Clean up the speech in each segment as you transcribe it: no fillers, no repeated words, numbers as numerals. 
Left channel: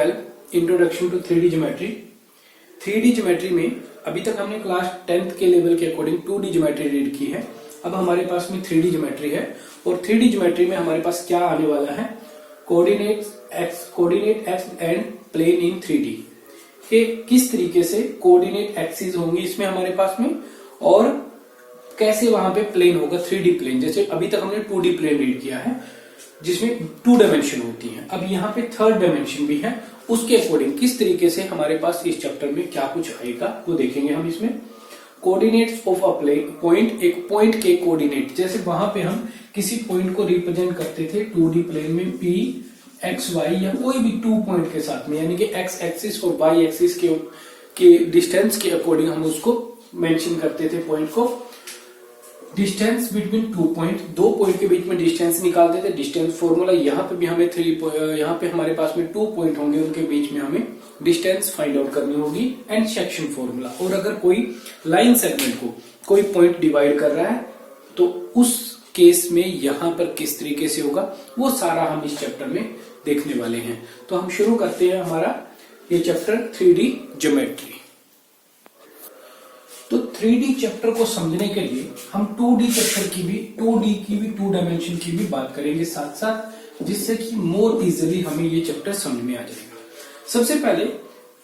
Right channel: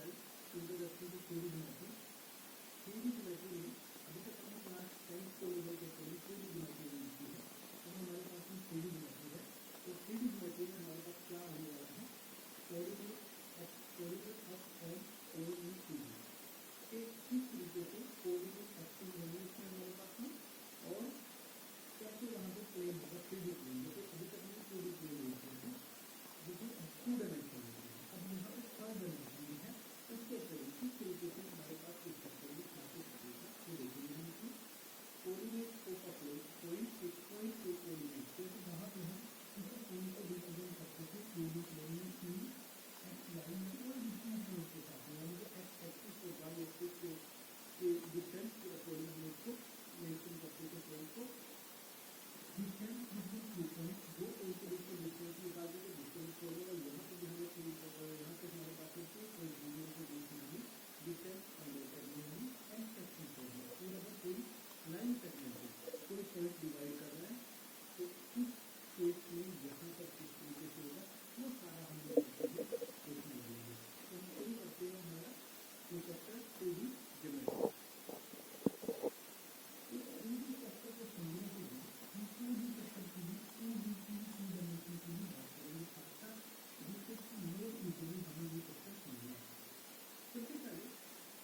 12 introduction to 3D geometry. 3D geometry में अभी तक हमने क्लास 10th के लेवल के अकॉर्डिंग 2D ज्योमेट्री रीड की है। अब हमारे पास में 3D ज्योमेट्री है और 3D ज्योमेट्री में हमारे पास क्या आने वाला है, coordinate X and plane in 3D के किस तरीके से कोऑर्डिनेट एक्सिस होंगी इसमें हमारे पास में, और कैसे वहां पे प्लेन होगा 3D प्लेन। जैसे अभी तक हमने 2D प्लेन रीड किया है जिसमें 2 डायमेंशन होती हैं, अब यहाँ पे 3rd डायमेंशन भी है, उसके अकॉर्डिंग किस तरीके से हमारे पास इस चैप्टर में क्या कुछ आएगा वो देखेंगे हम इसमें। Coordinates of a plane point, एक पॉइंट के कोऑर्डिनेट, जैसे वहां पे हम किसी पॉइंट को रिप्रेजेंट करते थे 2D प्लेन में P एक्स वाई या कोई भी 2 पॉइंट के साथ में, यानी कि एक्स एक्सिस और वाई एक्सिस के डिस्टेंस के अकॉर्डिंग हम उसको मेंशन करते थे पॉइंट को। डिस्टेंस बिटवीन 2 पॉइंट, 2 पॉइंट के बीच में डिस्टेंस निकालते थे, डिस्टेंस फॉर्मूला। यहाँ पे भी हमें यहाँ पे हमारे पास में 2 पॉइंट होंगे, उनके बीच में हमें डिस्टेंस फाइंड आउट करनी होगी एंड सेक्शन फॉर्मूला। और अगर कोई लाइन सेगमेंट को कोई पॉइंट डिवाइड कर रहा है तो उस केस में यहाँ पर किस तरीके से होगा वो सारा हम इस चैप्टर में देखने वाले हैं। तो हम शुरू करते हैं हमारा ये चैप्टर 3D ज्योमेट्री। तो 3D चैप्टर को समझने के लिए हम 2D चैप्टर की भी 2 डायमेंशन की भी बात करेंगे साथ साथ, जिससे कि मोर इजीली हमें ये चैप्टर समझ में आ जाएगा। सबसे पहले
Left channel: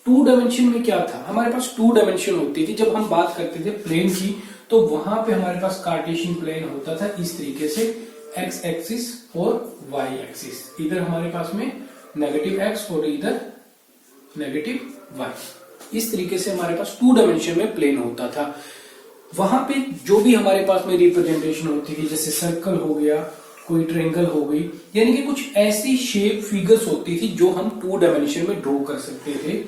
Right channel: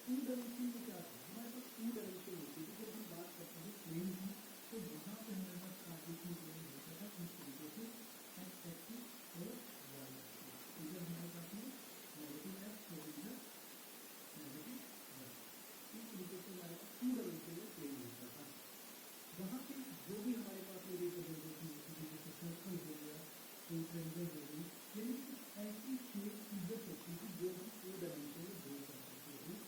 2 डायमेंशन में क्या था, हमारे पास 2 डायमेंशन होती थी। जब हम बात करते थे प्लेन की तो वहां पे हमारे पास कार्टेशियन प्लेन होता था इस तरीके से, एक्स एक्सिस और वाई एक्सिस, इधर हमारे पास में नेगेटिव एक्स और इधर नेगेटिव वाई, इस तरीके से हमारे पास 2 डायमेंशन में प्लेन होता था। वहां पे जो भी हमारे पास में रिप्रेजेंटेशन होती थी, जैसे सर्कल हो गया, कोई ट्रायंगल हो गई, यानी कि कुछ ऐसी शेप फिगर्स होती थी जो हम 2 डायमेंशन में ड्रॉ कर सकते थे।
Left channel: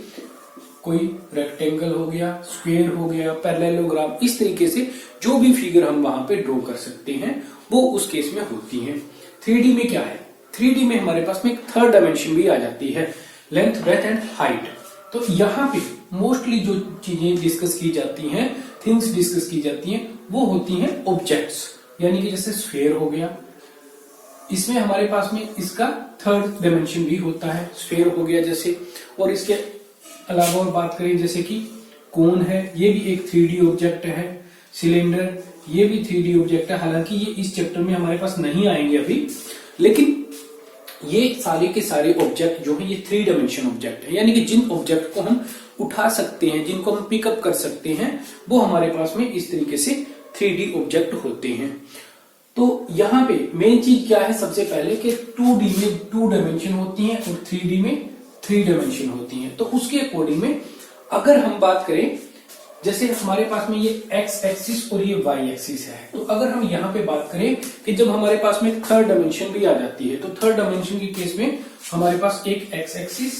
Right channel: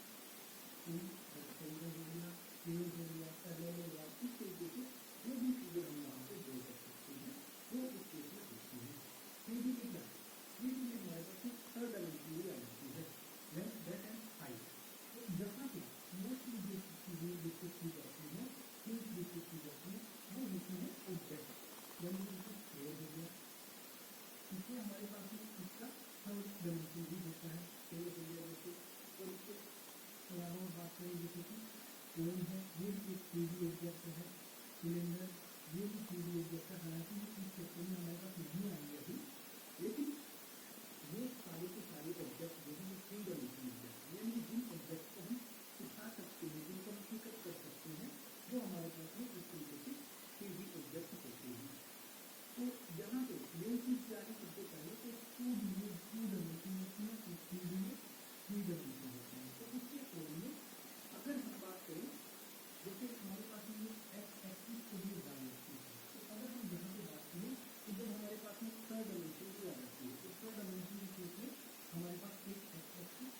कोई रेक्टेंगल हो गया, स्क्वायर हो गया, पैरेललोग्राम, इस तरीके से जो भी फिगर हम वहां पे ड्रॉ कर सकते हैं वो उस केस में होती है। 3D में क्या है, 3D में हमारे पास में एक 3rd डायमेंशन भी आ जाती है, लेंथ, ब्रेथ एंड हाइट। तो यहाँ पे मोस्टली जो चीजें डिस्कस की जाती हैं, थिंग्स डिस्कस की जाती हैं, वो होती हैं ऑब्जेक्ट्स, यानी कि जैसे स्फीयर हो गया, इसमें हमारे पास में इसका 3rd डायमेंशन भी होता है, स्फीयर हो गया जैसे। और इसके अलावा और बात करें जैसे कि कोन है, ये भी एक 3D ऑब्जेक्ट है, सिलेंडर ये भी 3D ऑब्जेक्ट है। हालांकि ये इस चैप्टर में हमारे पास नहीं आएंगे अभी, लेकिन ये सारे के सारे ऑब्जेक्ट जो है ये 3 डायमेंशन ऑब्जेक्ट है, यानी कि जिन ऑब्जेक्ट को हम उठा सकते हैं, जिनको हम पिकअप कर सकते हैं, वो हमारे पास में इस तरीके से 3D ऑब्जेक्ट होते हैं। तो यहाँ पे मेन चीज क्या है, सबसे पहले कि 2D में 2 डायमेंशन होती हैं और 3D में 3 डायमेंशन होती हैं। तो उसके अकॉर्डिंग में अगर हम बात करें, जैसे हमारे पास में ये एक्स एक्सिस और ये वाई एक्सिस है, तो अगर हम यहाँ पे बात करें कि जब हमारे पास में 3rd डायमेंशन भी आ जाती है, तो 3rd डायमेंशन के केस में हमारे पास एक एक्स एक्सिस,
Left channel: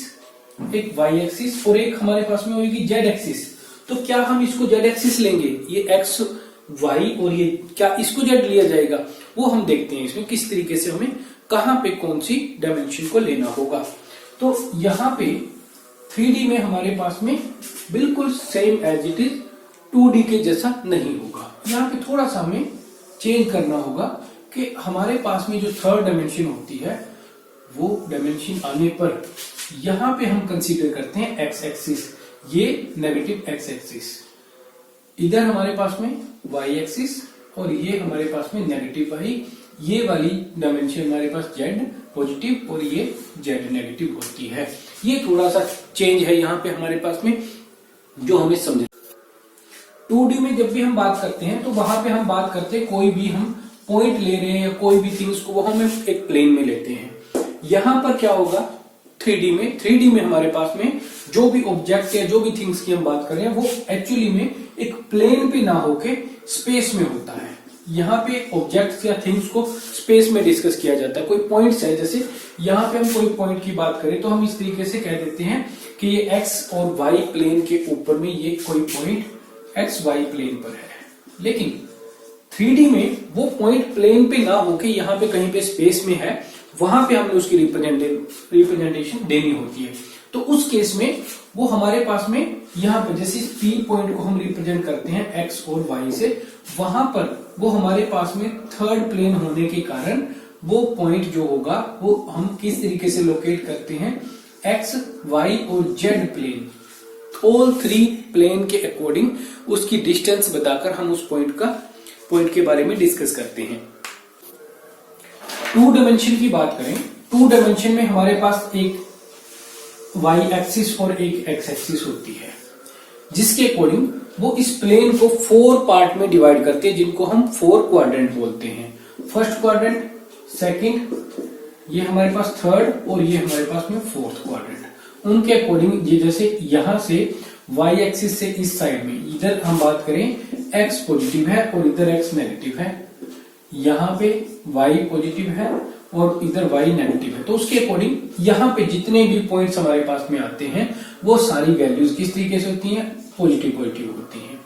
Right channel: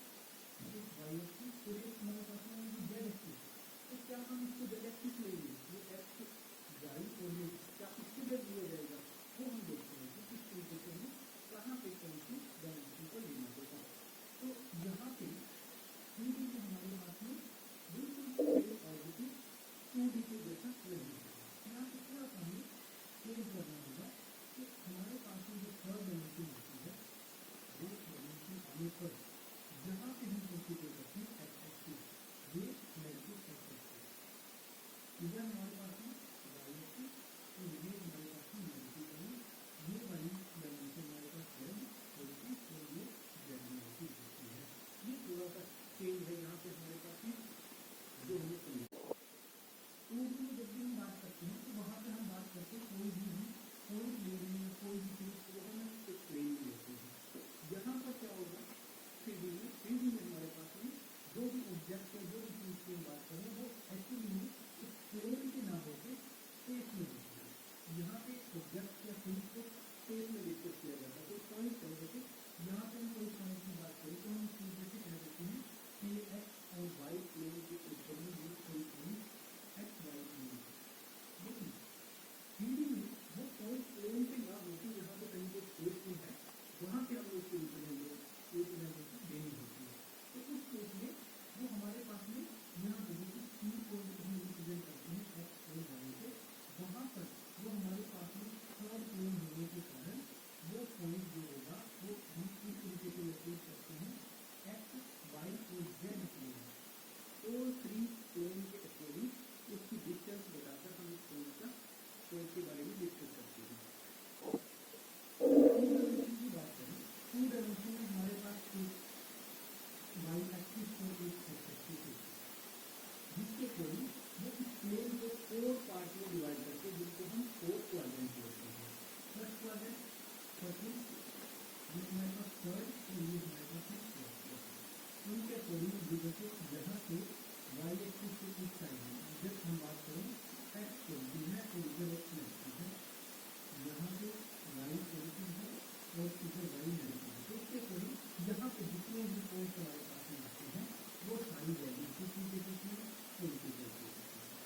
एक वाई एक्सिस और एक हमारे पास में होगी जेड एक्सिस। तो क्या हम इसको जेड एक्सिस लेंगे, ये एक्स वाई, और ये क्या इसको जेड लिया जाएगा, वो हम देखते हैं इसमें किस तरीके से हमें कहां पे कौन सी डायमेंशन को लेना होगा। तो यहाँ पे 3D में हमारे पास में बिल्कुल same as it is 2D के जैसा नहीं होगा। यहाँ पे थोड़ा सा हमें चेंज करना होगा कि हमारे पास में जो 3rd डायमेंशन होती है वो डायमेंशन आने पर यहाँ पे हम कंसीडर करते हैं एक्स एक्सिस, ये नेगेटिव एक्स एक्सिस, इधर हमारे पास में वाई एक्सिस और ये हमारे पास में नेगेटिव वाई, ये वाली डायमेंशन हमारे पास जेड पॉजिटिव और ये जेड नेगेटिव होती है। ये थोड़ा सा चेंज है यहाँ पे हमारे पास में जो हमें समझ। 2D में जब भी हम बात करते हैं तो वहां पे हम बात करते हैं कोई भी हम पॉइंट ले रहे हैं या कोई भी थिंग्स को वो हम एक प्लेन में लेते हैं। यहाँ पर क्या होगा 3D में हमारे पास में जो भी ऑब्जेक्ट या जो भी थिंग्स की हम बात कर रहे हैं वो एक्चुअली में एक प्लेन पे ना होके स्पेस में होता है। यहाँ पे ऑब्जेक्ट्स या थिंग्स को स्पेस में डिस्कस किया जाता है। कोई पॉइंट्स है, जैसे यहाँ पे हम कोई पॉइंट की बात करें तो हम इस तरीके से कह देते हैं कि ये एक्स और वाई प्लेन के ऊपर में ये कोई पॉइंट एक्स वाई प्लेन पर है। लेकिन 3D में वो पॉइंट प्लेन पे ना होके यहाँ पे कहीं पे स्पेस में है, वहां पे हमें उसकी रिप्रेजेंटेशन देनी होती है। तो उस केस में वो हमारे पास में यहाँ पर जैसे P पॉइंट को हम रिप्रेजेंट करते हैं x और y से, वहां पर वो हमारे पास में 3rd प्लेन होने के कारण वो पॉइंट जो होगा वो हम किस तरीके से लोकेट करते हैं, एक्स, वाई और Z plane, all three plane के अकॉर्डिंग उसकी डिस्टेंस बताकर हम उस पॉइंट के बारे में डिस्कस करते हैं। टू डायमेंशन की बात करें, टू डायमेंशन में हमारे पास एक वाई एक्सिस और एक एक्स एक्सिस होती है, जिसके अकॉर्डिंग वो इस प्लेन को 4 पार्ट में डिवाइड करते हैं, जिनको हम 4 क्वाड्रेंट बोलते हैं। फर्स्ट क्वाड्रेंट, सेकंड, ये हमारे पास थर्ड और ये हमारे पास में फोर्थ क्वाड्रेंट। उनके अकॉर्डिंग ये जैसे यहां से वाई एक्सिस से इस साइड में इधर हम बात करें एक्स पॉजिटिव है और इधर एक्स नेगेटिव है, यहाँ पे वाई पॉजिटिव है और इधर वाई नेगेटिव है, तो उसके अकॉर्डिंग यहाँ पे जितने भी पॉइंट्स हमारे पास में आते हैं वो सारी वैल्यूज किस तरीके से होती हैं, पॉजिटिव पॉजिटिव होती हैं।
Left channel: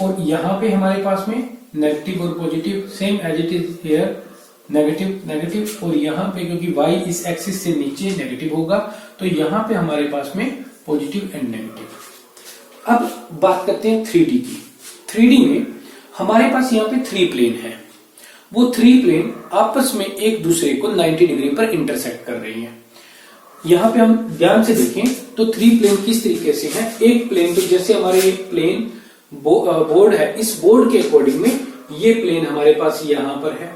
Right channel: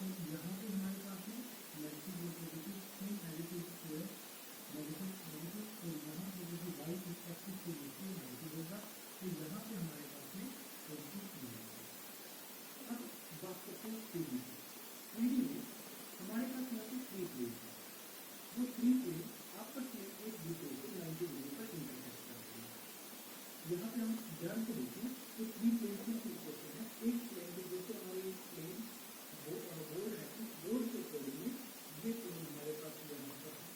और यहाँ पे हमारे पास में नेगेटिव और positive same as it is here, negative negative, और यहाँ पे क्योंकि वाई इस एक्सिस से नीचे नेगेटिव होगा तो यहाँ पे हमारे पास में पॉजिटिव एंड नेगेटिव। अब बात करते हैं 3D की। 3D में हमारे पास यहाँ पे 3 प्लेन है, वो 3 प्लेन आपस में एक दूसरे को 90 डिग्री पर इंटरसेक्ट कर रही हैं। यहाँ पे हम ध्यान से देखें तो 3 प्लेन किस तरीके से हैं। एक प्लेन तो जैसे हमारे ये प्लेन बोर्ड है, इस बोर्ड के अकॉर्डिंग में ये प्लेन हमारे पास यहाँ पर है,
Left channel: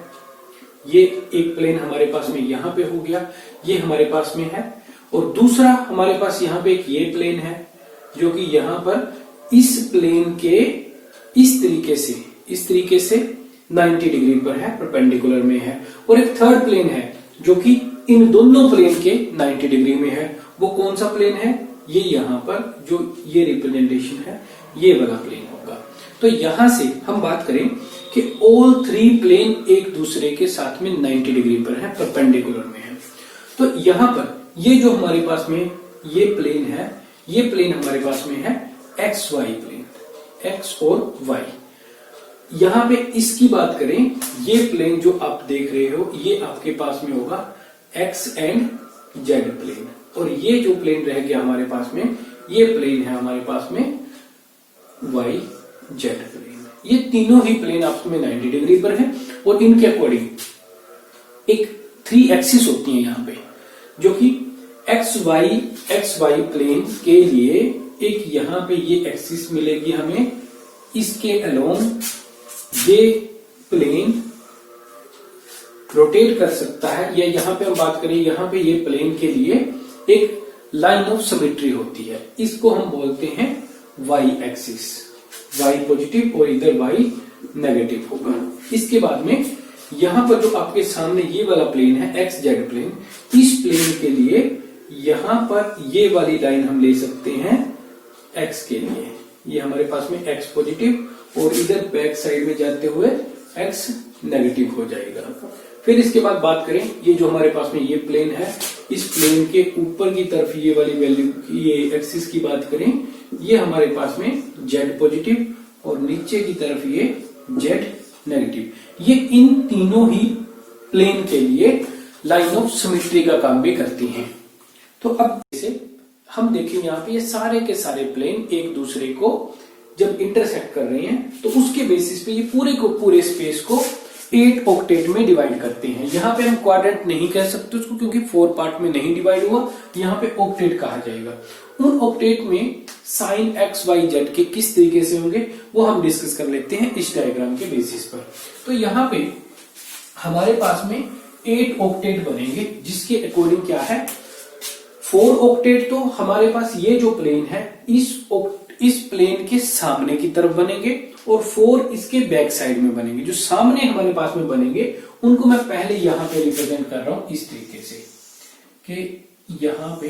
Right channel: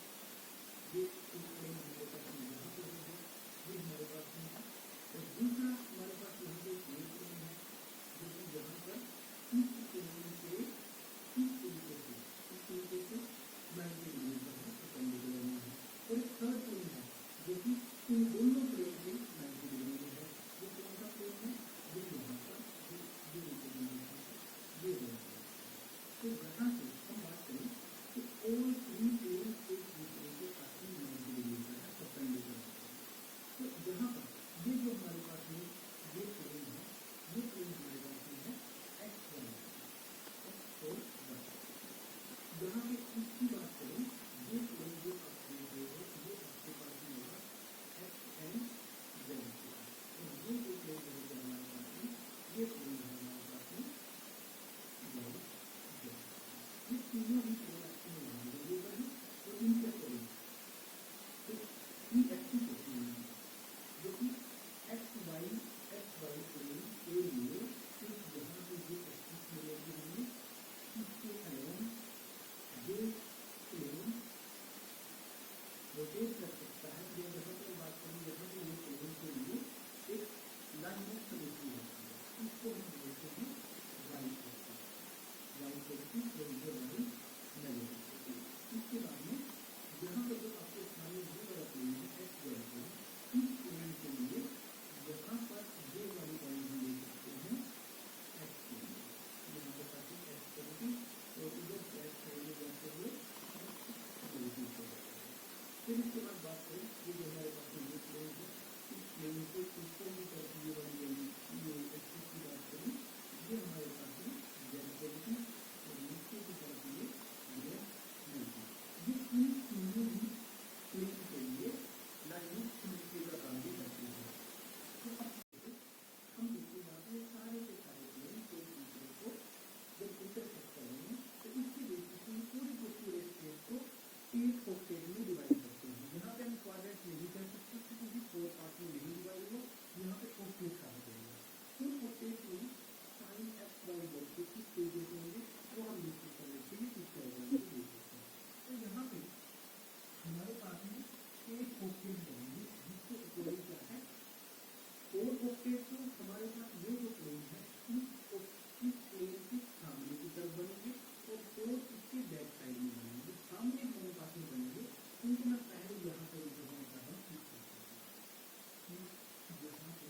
ये एक प्लेन हमारे पास में यहाँ पे हो गया, ये हमारे पास में है, और दूसरा हमारे पास यहाँ पे एक ये प्लेन है जो कि यहाँ पर इस प्लेन के इस तरीके से 90 डिग्री पर है, परपेंडिकुलर में है, और एक थर्ड प्लेन है जो कि इन दोनों प्लेन के 90 डिग्री में है। वो कौन सा प्लेन है, ये यहाँ पर जो ये रिप्रेजेंटेशन है ये वाला प्लेन होगा। तो यहां से हम बात करें कि ऑल 3 प्लेन एक दूसरे के साथ में 90 डिग्री पर है, परपेंडिकुलर में है। तो यहां पर ये जो हमारे पास में ये प्लेन है, ये प्लेन हमारे पास में है एक्स वाई प्लेन, एक्स और वाई। यहां पे इसकी बात करें, ये प्लेन जो आप देख रहे हो ये आपके पास में होगा एक्स एंड जेड प्लेन, और ये जो प्लेन रह गया हमारे पास में ये प्लेन है हमारे पास में वाई जेड प्लेन। ये तीनों ही प्लेन आपस में 90 डिग्री पर है, और इनके अकॉर्डिंग एक 3 एक्सिस होती है यहाँ पे, जो कि एक्स वाई प्लेन के लिए एक यहाँ पे ये एक्सिस मिलेगी हमें, इसके अलोंग ये प्लेन रोटेट कर सकता है, या यहाँ पे हम बात करें यहाँ पे ये प्लेन के लिए एक लाइन ऑफ सिमेट्री होती है, इसको हम बोलते हैं वाई एक्सिस, वाई पॉजिटिव और इधर वाई नेगेटिव होगा। इसके बाद में यहाँ पर जो आपके सामने ये वाला प्लेन है एक्स जेड प्लेन, इस प्लेन के लिए यहाँ पर ये वाली लाइन हम ले सकते हैं एक्स के लिए, ये हमारे पास में एक्स पॉजिटिव और इधर बैक साइड में जाते हुए एक्स नेगेटिव हो जाएगा। फिर इसके बाद बात करें, ये जो हमारे पास में ये प्लेन है, इस प्लेन के ऊपर की तरफ ये वाली वैल्यू ये एक्सिस की बात करें, ये हमारे पास में जेड पॉजिटिव और नीचे की तरफ ये जेड नेगेटिव। ये इन तीनों ही प्लेन के लिए लाइन ऑफ सिमेट्री का काम भी करती हैं। तो अब जैसे हम देखें यहाँ पे ये सारे के सारे प्लेन एक दूसरे को जब इंटरसेक्ट कर रहे हैं तो उसके बेसिस पे ये पूरे स्पेस को 8 ऑक्टेट में डिवाइड करते हैं। यहाँ पे हम क्वाड्रेंट नहीं कह सकते उसको, क्योंकि 4 पार्ट में नहीं डिवाइड हुआ, यहाँ पे ऑक्टेट कहा जाएगा। उन ऑक्टेट में साइन एक्स वाई जेड के किस तरीके से होंगे वो हम डिस्कस कर लेते हैं इस डायग्राम के बेसिस पर। तो यहाँ पे हमारे पास में 8 ऑक्टेट बनेंगे, जिसके अकॉर्डिंग क्या है 4 ऑक्टेट तो हमारे पास ये जो प्लेन है इस प्लेन के सामने की तरफ बनेंगे, और 4 इसके बैक साइड में बनेंगे। जो सामने हमारे पास में बनेंगे उनको मैं पहले यहां पे रिप्रेजेंट कर रहा हूं इस तरीके से कि यहां पे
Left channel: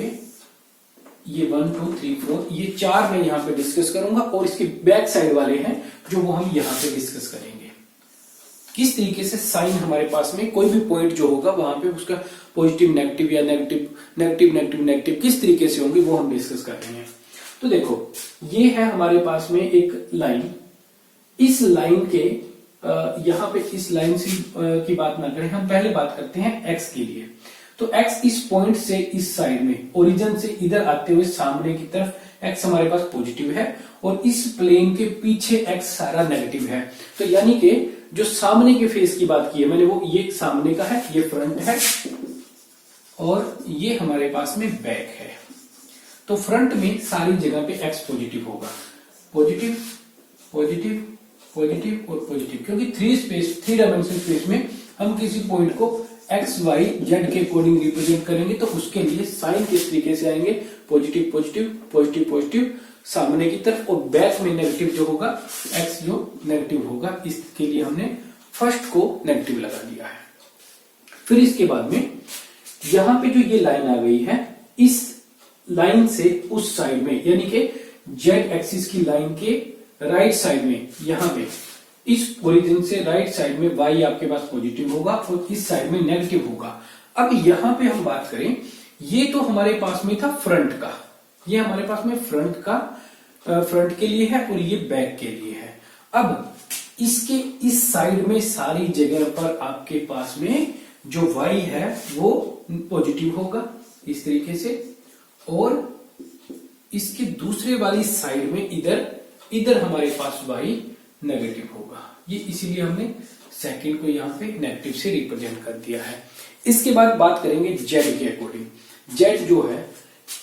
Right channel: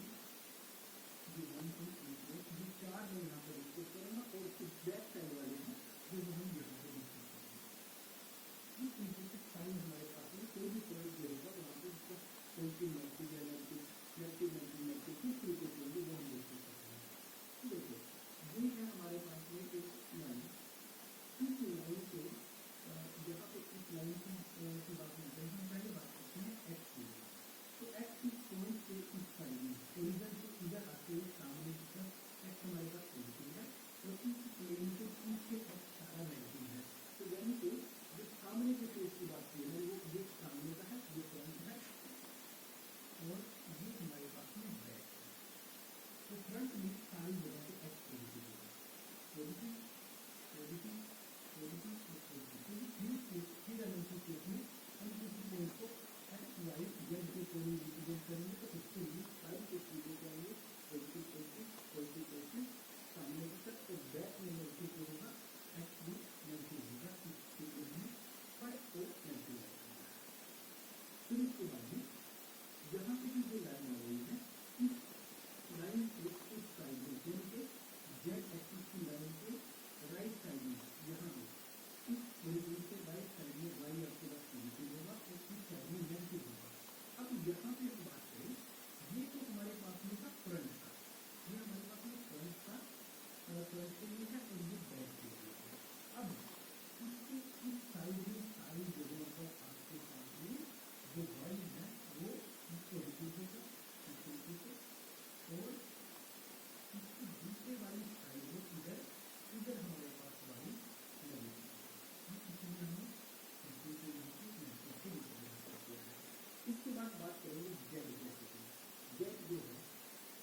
ये 1 2 3 4 ये 4 मैं यहां पे डिस्कस करूंगा, और इसके बैक साइड वाले हैं जो वो हम यहां पे डिस्कस करेंगे। किस तरीके से साइन हमारे पास में कोई भी पॉइंट जो होगा वहां पे उसका पॉजिटिव नेगेटिव या नेगेटिव किस तरीके से होंगे वो हम डिस्कस कर रहे हैं। तो देखो ये है हमारे पास में एक लाइन, इस लाइन के यहाँ पे इस लाइन की बात ना करें, हम पहले बात करते हैं एक्स के लिए। तो एक्स इस पॉइंट से इस साइड में ओरिजिन से इधर आते हुए सामने की तरफ एक्स हमारे पास पॉजिटिव है, और इस प्लेन के पीछे एक्स सारा नेगेटिव है। तो यानी कि जो सामने के फेस की बात की है मैंने, वो ये सामने का है, ये फ्रंट है, और ये हमारे पास में बैक है। तो फ्रंट में सारी जगह पे x पॉजिटिव होगा, पॉजिटिव पॉजिटिव पॉजिटिव और पॉजिटिव, क्योंकि थ्री डायमेंशन स्पेस में हम किसी पॉइंट को x y z के अकॉर्डिंग रिप्रेजेंट करेंगे, तो उसके लिए साइन किस तरीके से आएंगे, पॉजिटिव पॉजिटिव पॉजिटिव पॉजिटिव सामने की तरफ, और बैक में नेगेटिव जो होगा, x जो नेगेटिव होगा, इसके लिए हमने फर्स्ट को नेगेटिव लगा दिया है। फिर इसके बाद में यहां पे जो ये लाइन आ गई है, इस लाइन से उस साइड में, यानी कि जेड एक्सिस की लाइन के राइट साइड में, यहां पे इस ओरिजिन से राइट साइड में y आपके पास पॉजिटिव होगा और इस साइड में नेगेटिव होगा। अब यहां पे हम बात करें, ये तो हमारे पास में था फ्रंट का, ये हमारे पास में फ्रंट के लिए है और ये बैक के लिए है। अब इसके इस साइड में सारी जगह पर आपके पास में जो y है वो पॉजिटिव होगा इस तरीके से, और इसके दूसरे वाली साइड में इधर हमारे पास y नेगेटिव होगा। ये इसीलिए हमने सेकंड को यहाँ पे नेगेटिव से रिप्रेजेंट कर दिया है। इसके बाद बात करेंगे z के अकॉर्डिंग। z जो है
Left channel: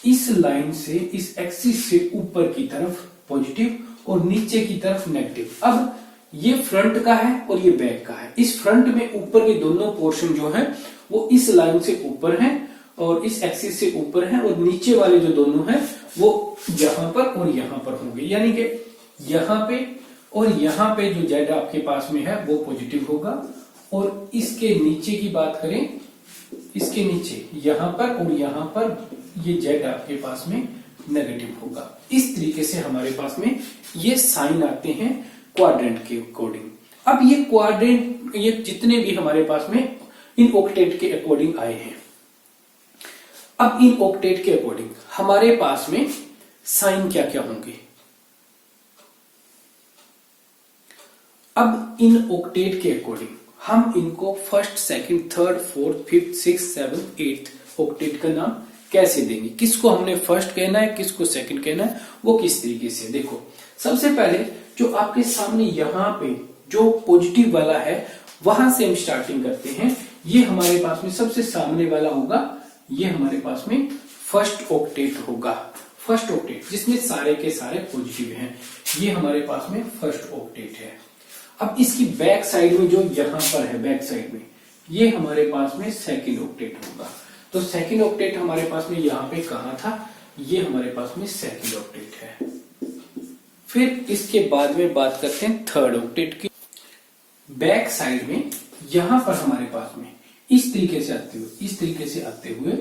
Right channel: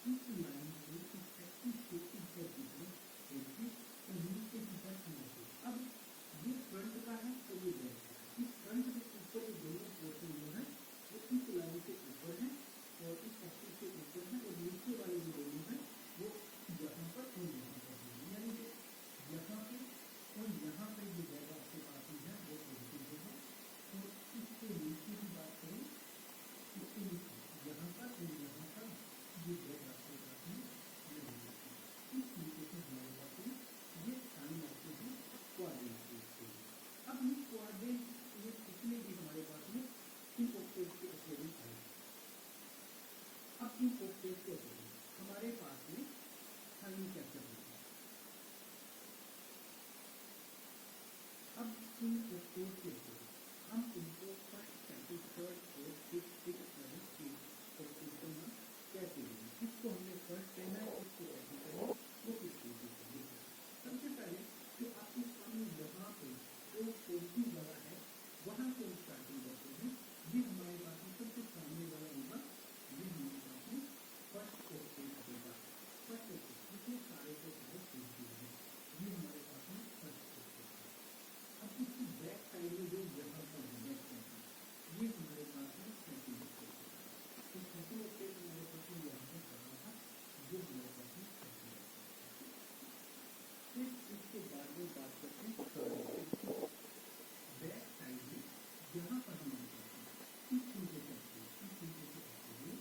इस लाइन से, इस एक्सिस से ऊपर की तरफ पॉजिटिव और नीचे की तरफ नेगेटिव। अब ये फ्रंट का है और ये बैक का है। इस फ्रंट में ऊपर के दोनों पोर्शन जो है वो इस लाइन से ऊपर है और इस एक्सिस से ऊपर है, और नीचे वाले जो दोनों हैं वो यहां पर और यहां पर होंगे, यानी कि यहां पे और यहां पे जो जेड आपके पास में है वो पॉजिटिव होगा, और इसके नीचे की बात करें, इसके नीचे यहां पर और यहां पर ये जेड आपके पास में नेगेटिव होगा। इस तरीके से हमारे पास में ये साइन आते हैं क्वाड्रेंट के अकॉर्डिंग। अब ये क्वाड्रेंट, ये जितने भी हमारे पास में इन ऑक्टेट के अकॉर्डिंग आए हैं, अब इन ऑक्टेट के अकॉर्डिंग हमारे पास में साइन क्या क्या होंगे। अब इन ऑक्टेट के अकॉर्डिंग हम इनको first, second, third, fourth, fifth, six, seventh, eighth octet का नाम कैसे देंगे, किसको हमने फर्स्ट कहना है, किसको सेकंड कहना है, वो किस तरीके से। देखो, सबसे पहले जो आपके सामने यहां पे जो पॉजिटिव वाला है वहां से हम स्टार्टिंग करते हैं। ये हमारे पास में सबसे सामने वाला होगा, ये हमारे पास में फर्स्ट ऑक्टेट होगा। फर्स्ट ऑक्टेट जिसमें सारे के सारे पॉजिटिव हैं, ये हमारे पास में फर्स्ट ऑक्टेट है। अब इसकी बैक साइड में जो यहां पर है, बैक साइड में, ये हमारे पास में सेकंड ऑक्टेट होगा। तो सेकंड ऑक्टेट हमारे पास में यहां पे कहां था, ये हमारे पास में सेकंड ऑक्टेट है। फिर इसके बाद में बात करते हैं थर्ड ऑक्टेट की। बैक साइड में यहां पर हमारे पास में इस तरीके से आते हुए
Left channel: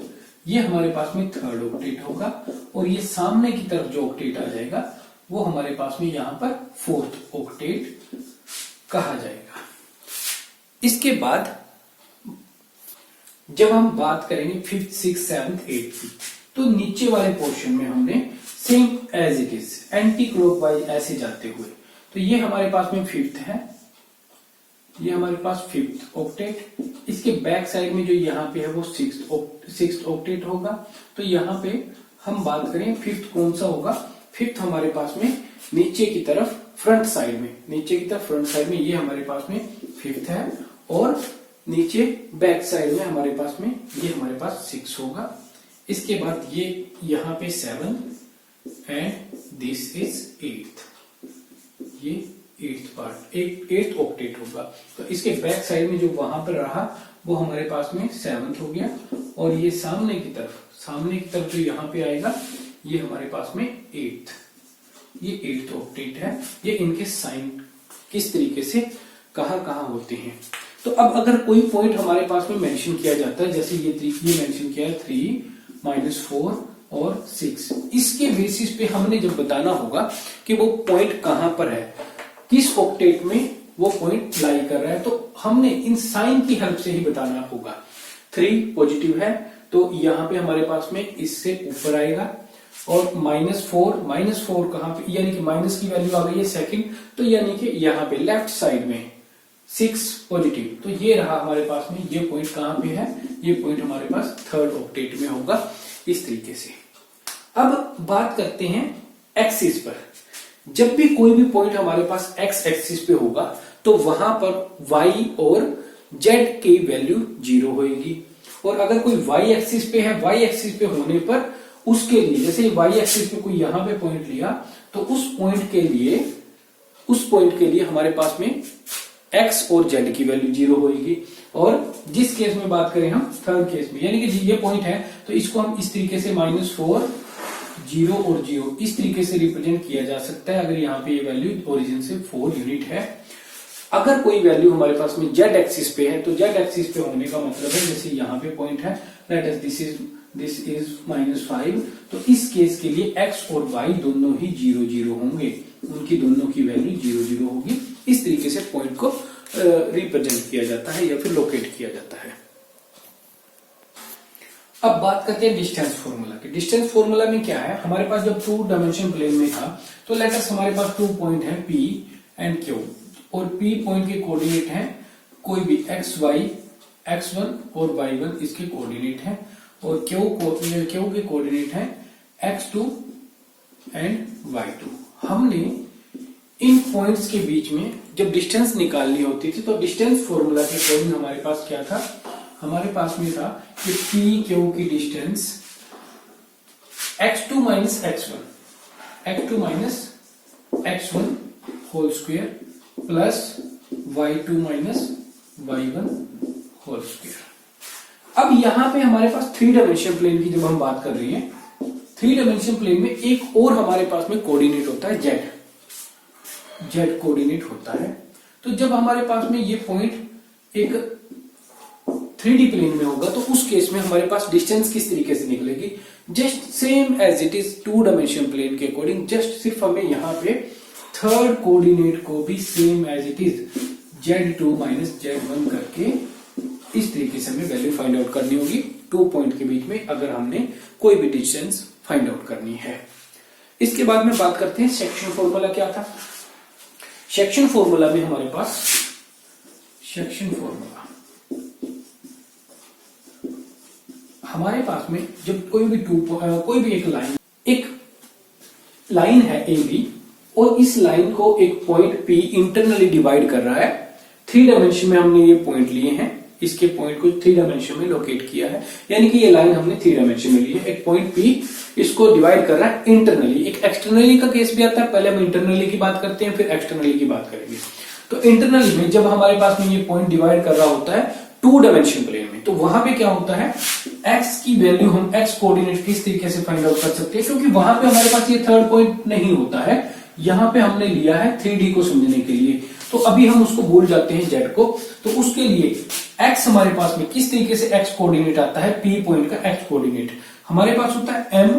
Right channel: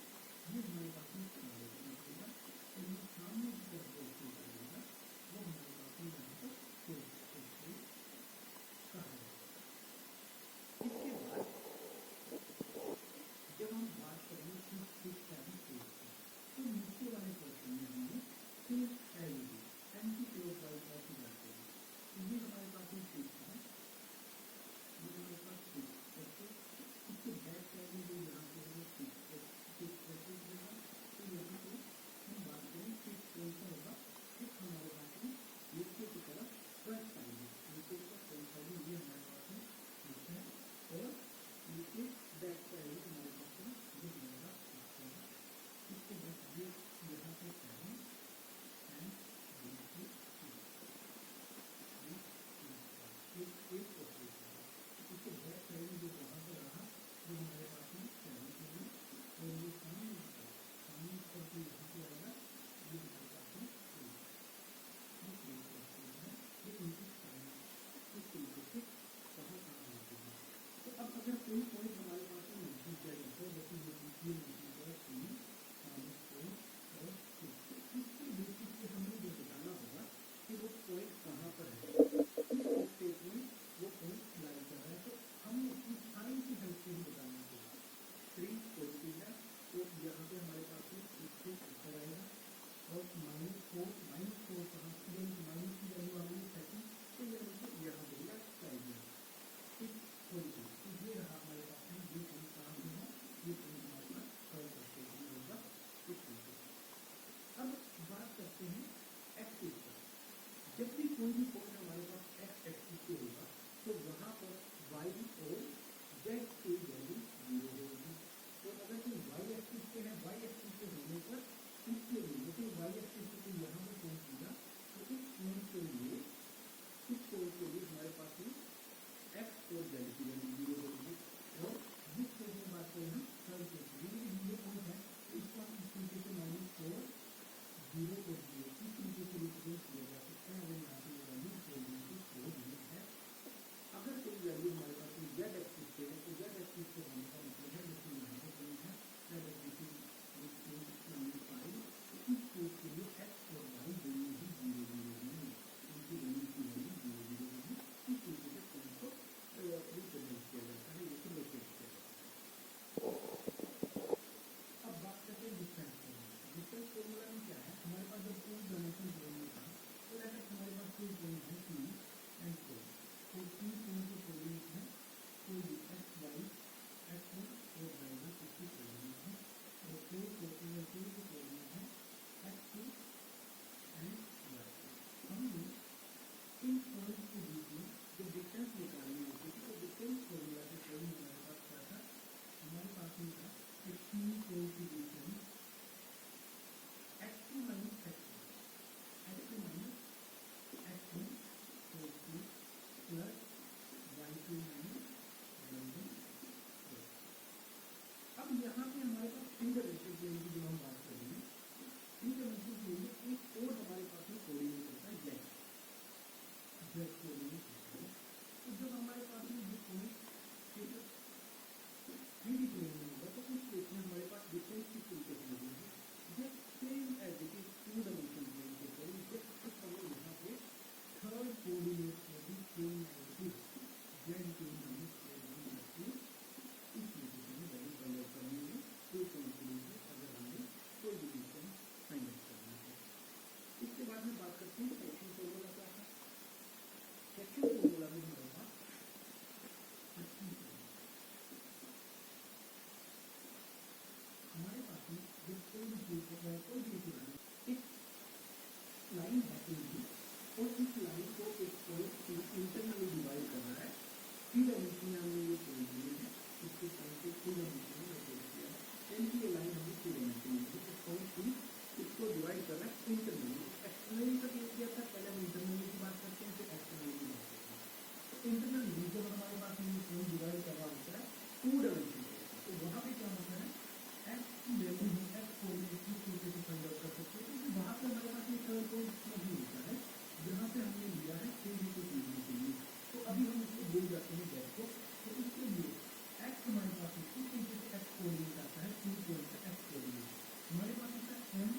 ये हमारे पास में थर्ड ऑक्टेट होगा, और ये सामने की तरफ जो ऑक्टेट आ जाएगा वो हमारे पास में यहां पर फोर्थ ऑक्टेट कहा जाएगा। इसके बाद जब हम बात करेंगे फिफ्थ, सिक्स, सेवंथ, एट्थ की, तो नीचे वाले पोर्शन में हमने same as it is anti clockwise ऐसे जाते हुए, तो ये हमारे पास में फिफ्थ है, ये हमारे पास फिफ्थ ऑक्टेट। इसके बैक साइड में जो यहाँ पे है वो सिक्स्थ ऑक्टेट होगा। तो यहाँ पे हम बात करें फिफ्थ कौन सा होगा, फिफ्थ हमारे पास में नीचे की तरफ फ्रंट साइड में, ये हमारे पास में फिफ्थ है, और नीचे बैक साइड में हमारे पास में ये हमारे पास 6 होगा। इसके बाद ये यहाँ पे 7 एंड दिस इज 8th, ये 8th पार्ट, एट्थ ऑक्टेट होगा। तो इसके बैक साइड में जो वहां पर रहा वो हमारे पास में 7th हो गया, और ये सामने की तरफ जो यहाँ पे आएगा ये हमारे पास में 8th, ये 8th ऑक्टेट है। ये इनके साइन किस तरीके से कहाँ होते हैं। तो अब अगर कोई पॉइंट हमारे पास में मेंशन किया जाता है, जैसे ये मेंशन किया है 3, -4 और 6, इसके बेसिस पे हमने जब बताना होगा कि वो पॉइंट कहां पर है, किस ऑक्टेट में वो पॉइंट लाई कर रहा है, तो हमने इन साइन की हेल्प से ही बताना होगा। 3 पॉजिटिव है तो यहाँ पे हमारे पास में इससे ऊपर आएगा, और -4 कहां पे, यानी कि माइनस की वैल्यू आ गई है सेकंड, तो यानी कि यहाँ पे लेफ्ट साइड में 6 पॉजिटिव, तो ये रहा हमारे पास में, ये पॉइंट कहां पे है, ये पॉइंट हमारे पास थर्ड ऑक्टेट में होगा। इस तरीके से अब बात करते हैं एक्सिस पर। जब भी कोई भी पॉइंट हमारे पास एक्स एक्सिस पे होगा तो वहां पर y और z की वैल्यू 0 होगी, और अगर कोई y एक्सिस पे है, y एक्सिस पे होने पर उसके लिए जैसे y एक्सिस पे कोई यहां पे पॉइंट लिया तो उस पॉइंट के लिए हमारे पास में x और z की वैल्यू 0 होगी। और जिस केस में बात करें हम थर्ड केस में, यानी कि ये पॉइंट है तो इसको हम इस तरीके से -4 0 और 0 इस तरीके से रिप्रेजेंट किया जा सकता है अगर यहाँ पे ये वैल्यू ओरिजिन से 4 यूनिट है। अगर कोई वैल्यू हमारे पास में z एक्सिस पे है तो z एक्सिस पे होने का मतलब है जैसे यहाँ पे पॉइंट है लेट अस दिस इज -5, तो इस केस के लिए x और y दोनों ही 0 0 होंगे, उनकी दोनों की वैल्यू 0 0 होगी। इस तरीके से पॉइंट को रिप्रेजेंट किया जाता है या फिर लोकेट किया जाता है। अब बात करते हैं डिस्टेंस फॉर्मूला की। डिस्टेंस फॉर्मूला में क्या है, हमारे पास जब 2 डायमेंशन प्लेन में था तो लेट अस हमारे पास 2 पॉइंट है P एंड Q, और P पॉइंट के कोऑर्डिनेट है कोई भी xy, x1 और y1 इसके कोऑर्डिनेट है, और Q के कोऑर्डिनेट है x2 एंड y2। हमने इन पॉइंट्स के बीच में जब डिस्टेंस निकालनी होती थी तो डिस्टेंस फॉर्मूला के अकॉर्डिंग हमारे पास क्या था, हमारे पास में था कि P Q की distance x2 minus x1 whole square plus y2 minus y1 whole square. अब यहां पे हमारे पास 3 डायमेंशन प्लेन की जब हम बात कर रहे हैं, 3 डायमेंशन प्लेन में एक और हमारे पास में कोऑर्डिनेट होता है z कोऑर्डिनेट होता है। तो जब हमारे पास में ये पॉइंट एक 3D प्लेन में होगा तो उस केस में हमारे पास डिस्टेंस किस तरीके से निकलेगी, just same as it is 2 dimension plane के अकॉर्डिंग, जस्ट सिर्फ हमें यहाँ पे थर्ड कोऑर्डिनेट को भी same as it is z2 minus z1 करके इस तरीके से हमें वैल्यू फाइंड आउट करनी होगी 2 पॉइंट के बीच में अगर हमने कोई भी डिस्टेंस फाइंड आउट करनी है। इसके बाद में बात करते हैं सेक्शन फॉर्मूला क्या था। सेक्शन फॉर्मूला में हमारे पास सेक्शन फॉर्मूला हमारे पास में जब कोई भी एक लाइन है AB और इस लाइन को एक पॉइंट P इंटरनली डिवाइड कर रहा है, 3 डायमेंशन में हमने ये पॉइंट लिए हैं, इसके पॉइंट को 3 डायमेंशन में लोकेट किया है, यानी कि ये लाइन हमने 3 डायमेंशन में ली है। एक पॉइंट P इसको डिवाइड कर रहा है इंटरनली, एक एक्सटर्नली का केस भी आता है, पहले हम इंटरनली की बात करते हैं फिर एक्सटर्नली की बात करेंगे। तो इंटरनली में जब हमारे पास में ये पॉइंट डिवाइड कर रहा होता है 2 डायमेंशन प्लेन में, तो वहां पे क्या होता है, x की वैल्यू हम x कोऑर्डिनेट किस तरीके से फाइंड आउट कर सकते हैं, क्योंकि वहां पे हमारे पास ये थर्ड पॉइंट नहीं होता है, यहाँ पे हमने लिया है 3D को समझने के लिए, तो अभी हम उसको भूल जाते हैं z को। तो उसके लिए x हमारे पास में किस तरीके से x कोऑर्डिनेट आता है, P पॉइंट का x कोऑर्डिनेट हमारे पास होता है m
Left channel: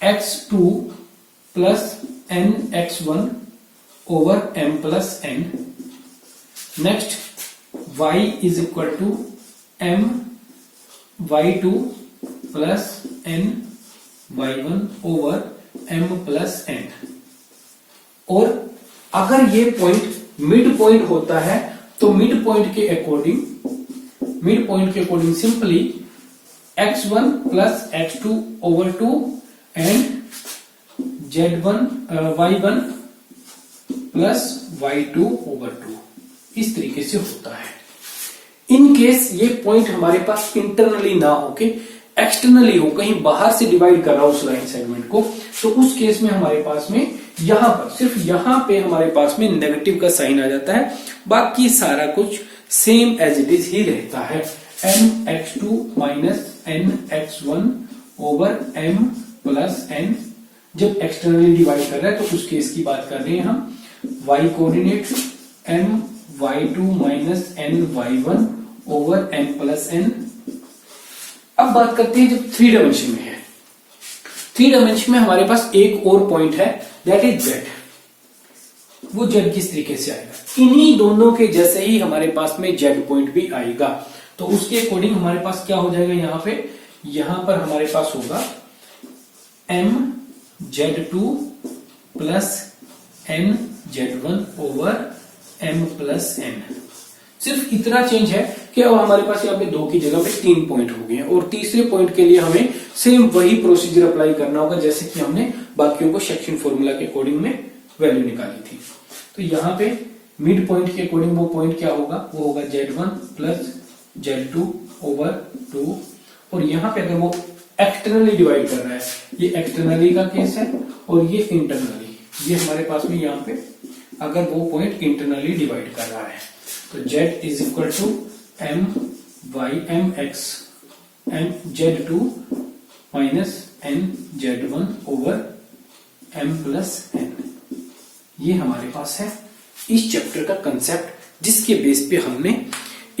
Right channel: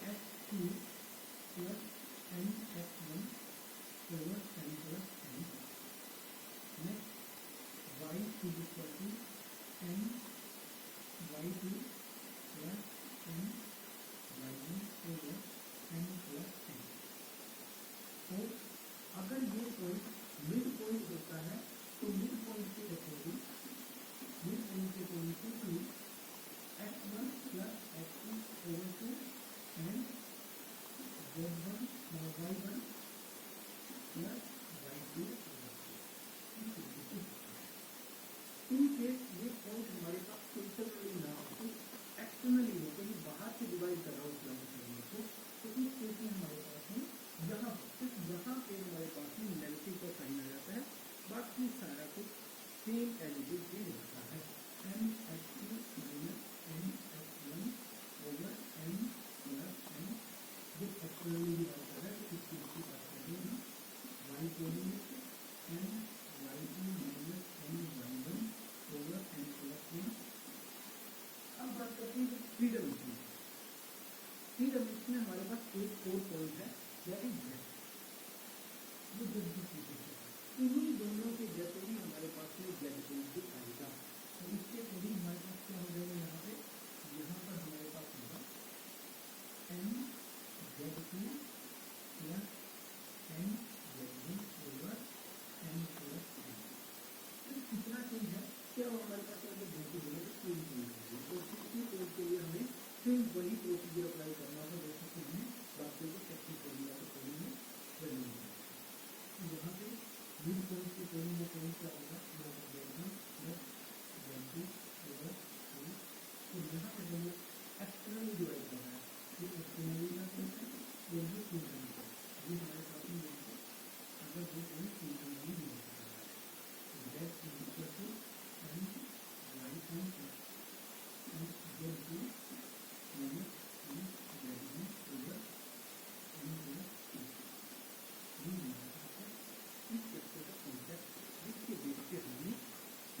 x2 plus n x1 over m plus n। Next y is equal to m y2 plus n y1 over m plus n। और अगर ये पॉइंट मिड पॉइंट होता है तो मिड पॉइंट के according simply x1 plus x2 over 2 and y1 plus y2 over 2 इस तरीके से होता है। इन केस ये पॉइंट हमारे पास इंटरनली ना होके एक्सटर्नली हो, कहीं बाहर से डिवाइड कर रहा हो उस लाइन सेगमेंट को, तो उस केस में हमारे पास में यहां पर सिर्फ यहां पे हमारे पास में नेगेटिव का साइन आ जाता है, बाकी सारा कुछ सेम एज इट इज ही रहता है। m x2 minus n x1 over m plus n जब एक्सटर्नली डिवाइड कर रहा है तो उस केस की बात कर रहे हैं हम। y coordinate m y2 minus n y1 over m plus n। अब बात करते हैं जब 3 डायमेंशन में है, 3 डायमेंशन में हमारे पास एक और पॉइंट है दैट इज z। वो z किस तरीके से आएगा, इन्हीं दोनों के जैसे ही हमारे पास में z पॉइंट भी आएगा, तो उसके अकॉर्डिंग हमारे पास क्या हो जाएगा, यहां पर हमारे पास होगा m z2 plus n z1 over m plus n। सिर्फ इतना चेंज है कि अब हमारे पास यहाँ पे 2 की जगह पे 3 पॉइंट हो गए हैं, और तीसरे पॉइंट के लिए हमें सेम वही प्रोसीजर अप्लाई करना होगा जैसे कि हमने बाकियों को सेक्शन फॉर्मूला के अकॉर्डिंग में वैल्यू निकाली थी। तो यहाँ पे मिड पॉइंट के अकॉर्डिंग वो पॉइंट क्या होगा, वो होगा z1 प्लस z2 ओवर 2, और यहाँ पे अगर वो एक्सटर्नली डिवाइड कर रहा है, ये एक्सटर्नली का केस है और ये इंटरनली, ये हमारे पास में यहाँ पे अगर वो पॉइंट इंटरनली डिवाइड कर रहा है तो z is equal to m y m x m z2 minus n z1 over m plus n। ये हमारे पास है इस चैप्टर का कंसेप्ट, जिसके बेस पे हमने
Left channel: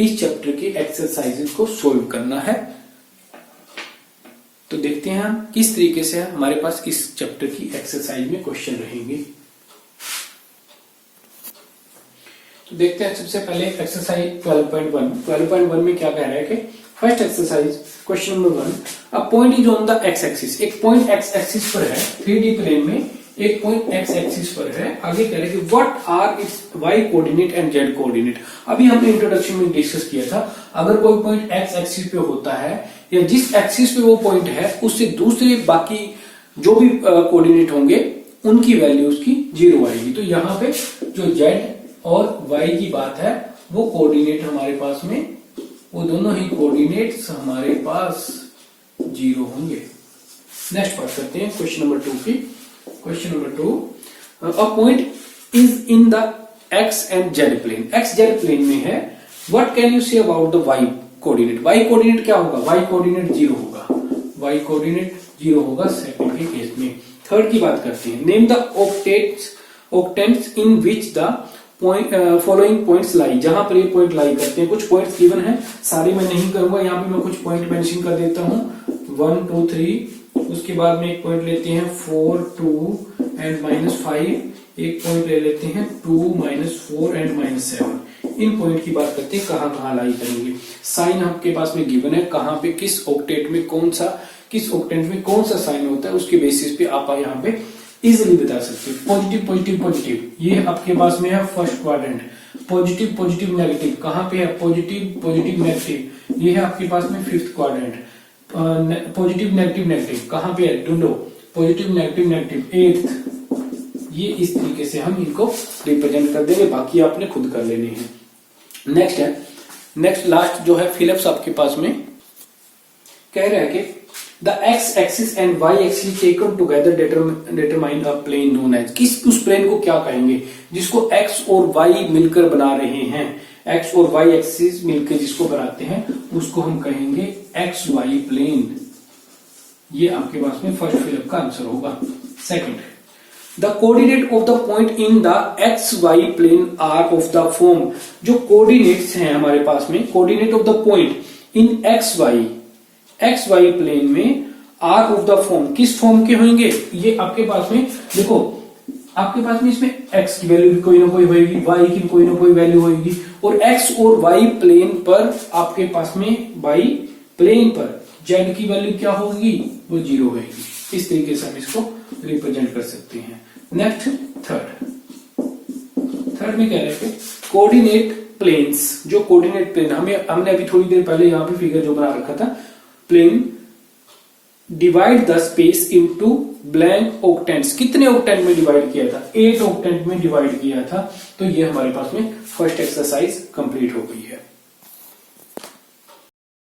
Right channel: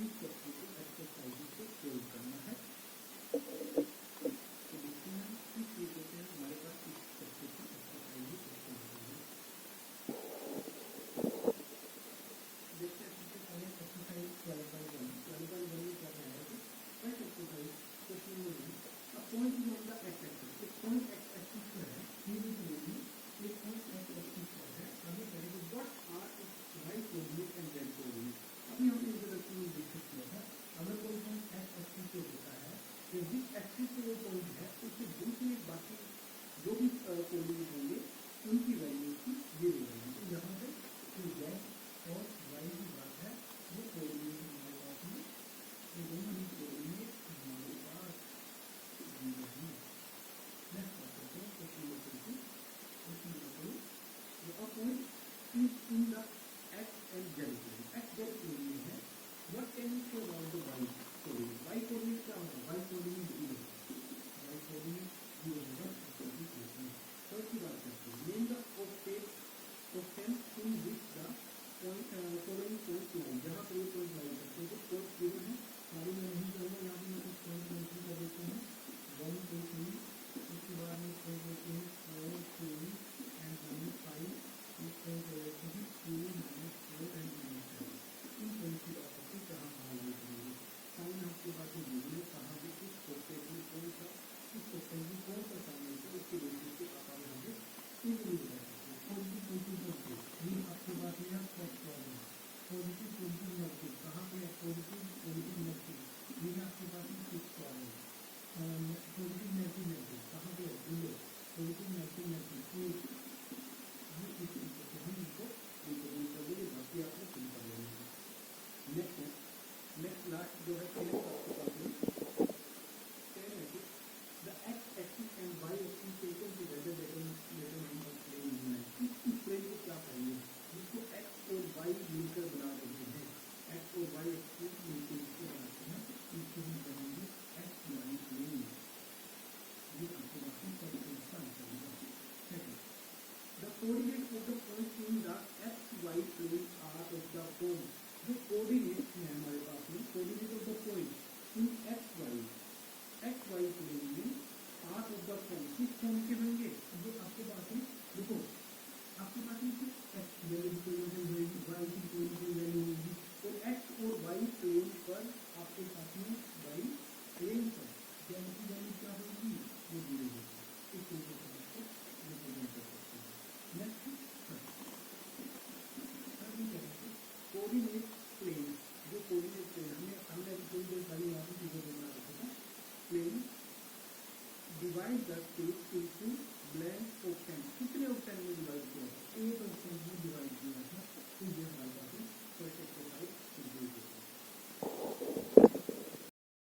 इस चैप्टर के एक्सरसाइजेस को सोल्व करना है। तो देखते हैं हम किस तरीके से हमारे पास इस चैप्टर की एक्सरसाइज में क्वेश्चन रहेंगे। तो देखते हैं सबसे पहले एक्सरसाइज 12.1 में क्या कह रहा है कि first exercise question number 1, a point is on the x axis, एक पॉइंट एक्स एक्सिस पर है 3D प्लेन में, एक पॉइंट एक्स एक्सिस पर है। आगे कह रहे हैं कि what are its y coordinate and z coordinate. अभी हमने इंट्रोडक्शन में डिस्कस किया था, अगर कोई पॉइंट एक्स एक्सिस पे होता है या जिस एक्सिस पे वो पॉइंट है उससे दूसरे बाकी जो भी कोऑर्डिनेट होंगे उनकी वैल्यू उसकी 0 आएगी। तो यहाँ पे जो जेड और वाई की बात है वो कोऑर्डिनेट हमारे पास में, वो दोनों ही कोऑर्डिनेट्स हमारे पास 0 होंगे। नेक्स्ट बात करते हैं क्वेश्चन नंबर 2 की। Question number 2, a point is in the x and z plane, x z plane में है। What can you say about the y coordinate, y coordinate क्या होगा, वाई कोऑर्डिनेट 0 होगा, वाई कोऑर्डिनेट 0 होगा सेकंड के case में। Third की बात करते हैं, name the octants in which the following points lie, जहां पर ये पॉइंट लाई करते हैं। कुछ पॉइंट्स गिवन है, सारे मैं नहीं करूंगा, यहाँ पे मैं कुछ पॉइंट मेंशन कर देता हूँ 1 2 3, उसके बाद में एक पॉइंट लेते हैं 4 2 एंड -5, एक पॉइंट ले लेते हैं 2 -4 एंड -7। इन पॉइंट की बात करते हैं कहाँ कहाँ लाई करेंगे। साइन आपके पास में गिवन है, कहाँ पे किस ऑक्टेट में कौन सा, किस ऑक्टेट में कौन सा साइन होता है, उसके बेसिस पे आप यहाँ पे इजिली बता सकते हो। पॉजिटिव पॉजिटिव पॉजिटिव, ये आपके पास में है first quadrant. Positive positive negative कहाँ पे है, पॉजिटिव पॉजिटिव नेगेटिव, ये है आपके पास में fifth quadrant. Positive negative negative कहाँ पे है, ढूंढो, पॉजिटिव नेगेटिव नेगेटिव एट्थ। ये इस तरीके से हम इनको रिप्रेजेंट कर देंगे, बाकी आपने खुद कर लेने हैं। नेक्स्ट है, नेक्स्ट लास्ट जो है फिलिप्स आपके पास में कह रहा है कि the x axis and y axis taken together determine a plane known as, किस उस प्लेन को क्या कहेंगे जिसको एक्स और वाई मिलकर बना रहे हैं, एक्स और वाई एक्सिस मिलकर जिसको बनाते हैं उसको हम कहेंगे एक्स वाई प्लेन। ये आपके पास में फर्स्ट फिलिप का आंसर होगा। Second, the coordinate of the point in the x y plane are of the form, जो कोऑर्डिनेट्स हैं हमारे पास में, coordinate of the point in x y plane में आर ऑफ द फॉर्म, किस फॉर्म के होंगे, ये आपके पास में देखो, आपके पास में इसमें x की वैल्यू कोई ना कोई होगी, y की कोई ना कोई वैल्यू होगी, और x और y प्लेन पर आपके पास में y प्लेन पर z की वैल्यू क्या होगी, वो 0 होगी। इस तरीके से हम इसको रिप्रेजेंट कर सकते हैं। नेक्स्ट थर्ड में कह रहे हैं कोऑर्डिनेट प्लेन्स, जो कोऑर्डिनेट प्लेन हमने अभी थोड़ी देर पहले यहाँ पे फिगर जो बना रखा था, plane divide the space into blank octants, कितने ऑक्टेंट में डिवाइड किया था, 8 ऑक्टेंट में डिवाइड किया था। तो ये हमारे पास में फर्स्ट एक्सरसाइज कंप्लीट हो गई है।